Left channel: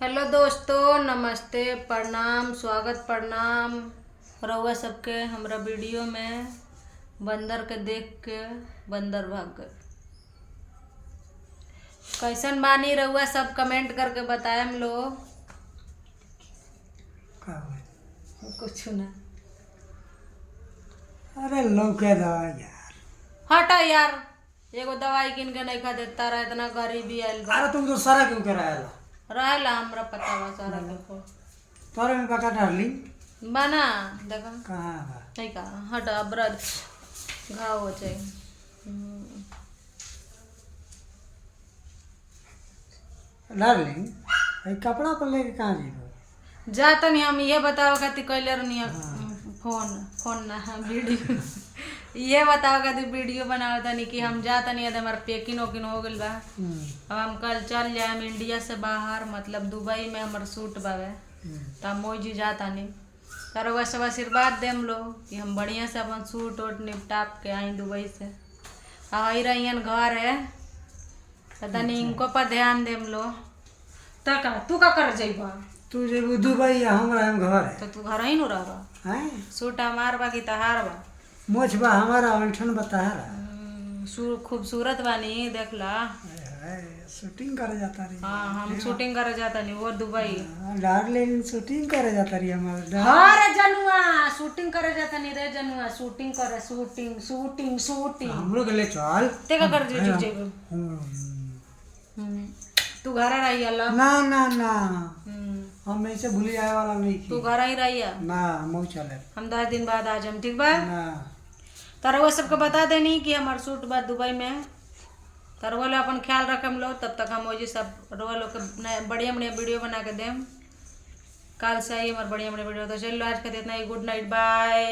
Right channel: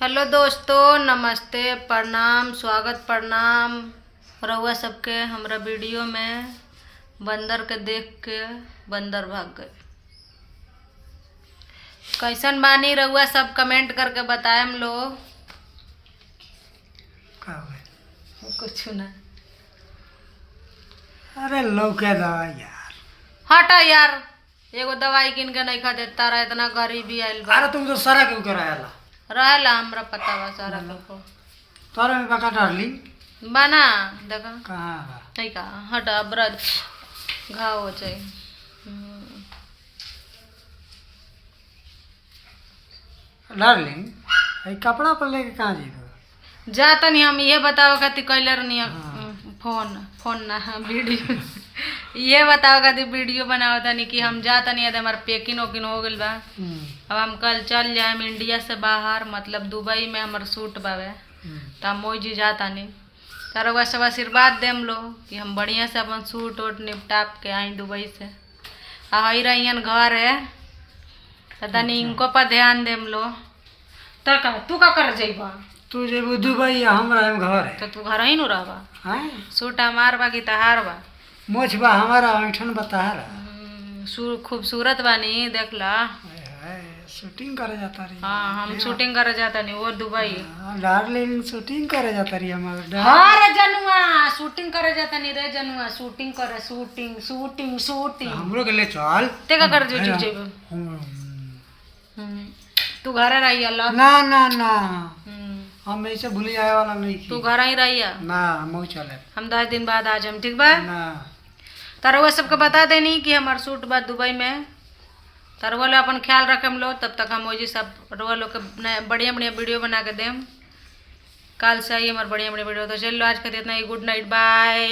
Hello दोस्तों, नमस्ते, प्रणाम, स्वागत प्रणाम रउआ सबके हमरा वीडियो में। बंदर के देख के बंदर भाग गए। कैसन बानी रउआ सब कमेंट करके बताएम लोग। कुछ ना। अरे लौके दवाई यार। हटा यार, एगो दवाई किन के नहीं खा देता रहा। इतना गरीबी आयल बा। अरे तुम तो सारा क्यों कराया रहेला हमरा पता बा सारा को। तोरा में बका डार्लिंग बना देखा कहाँ बा? नहीं का हटा ब्रद घाव हो जाए। डार्लिंग ये कपड़ा पर लेके कहाँ जी जा तनी हम ये बताओ खातिर कैले रहनी फोन ना वीडियो ये बताओ खातिर वीडियो बनाओ तनी कि हम जा तनी हमारे पेकिंग वोकिंग हो गइल बा। अब हम कल चल जाए इंडिया से बाहर, मतलब दुबई में हमार सूट बावे। तो हम मोजी जा तनी तारा वह सब आशीर्वाद देम लो कि हम बढ़िया से अपन सूट वूट निपटाप के आई दुबई से। आ हई रहियन घर है तो तनी इनको पर ध्यान देम लो। तका तू का कर जइबा? तू जेबू दुबई हमरा हम घर है तो तू घर ही नु रहबा। हैं? सूट हमार बा कि तहार बा? मोछ बा हमारा ऐठन बताहरा। खूबसूरत बानी देखला। शूटिंग करे जाता रही। हाँ हम शूटिंग करे जाता नहीं वो दुबई। डार्लिंग शूटिंग करे जाता रही हमारा। हाँ रे जनुआ, शूटिंग करे जाता नहीं रे जनुआ। शूटिंग करे, शूटिंग शूटिंग शूटिंग। हमरो के ले चल। ते का कर जो जेबो? तू घर रही अल्लाह। ना ना ना हम ऐसे भूल जाए वाला नहीं। तू घर ही रही ना हम चले। हम 10 दिन बाद आ जाम, ठीक बा? ना तारा सबके बता देनी कि हमार सूट बा दुबई में। तारा लोग अपन ख्याल रखम लो। तब तक हम वही सब रोआ लोग के बढ़िया बढ़िया वीडियो बना के देम। कल से आई हमारे बढ़िया बढ़िया वीडियो। तो चलो आज के इतना ही। Good night, by.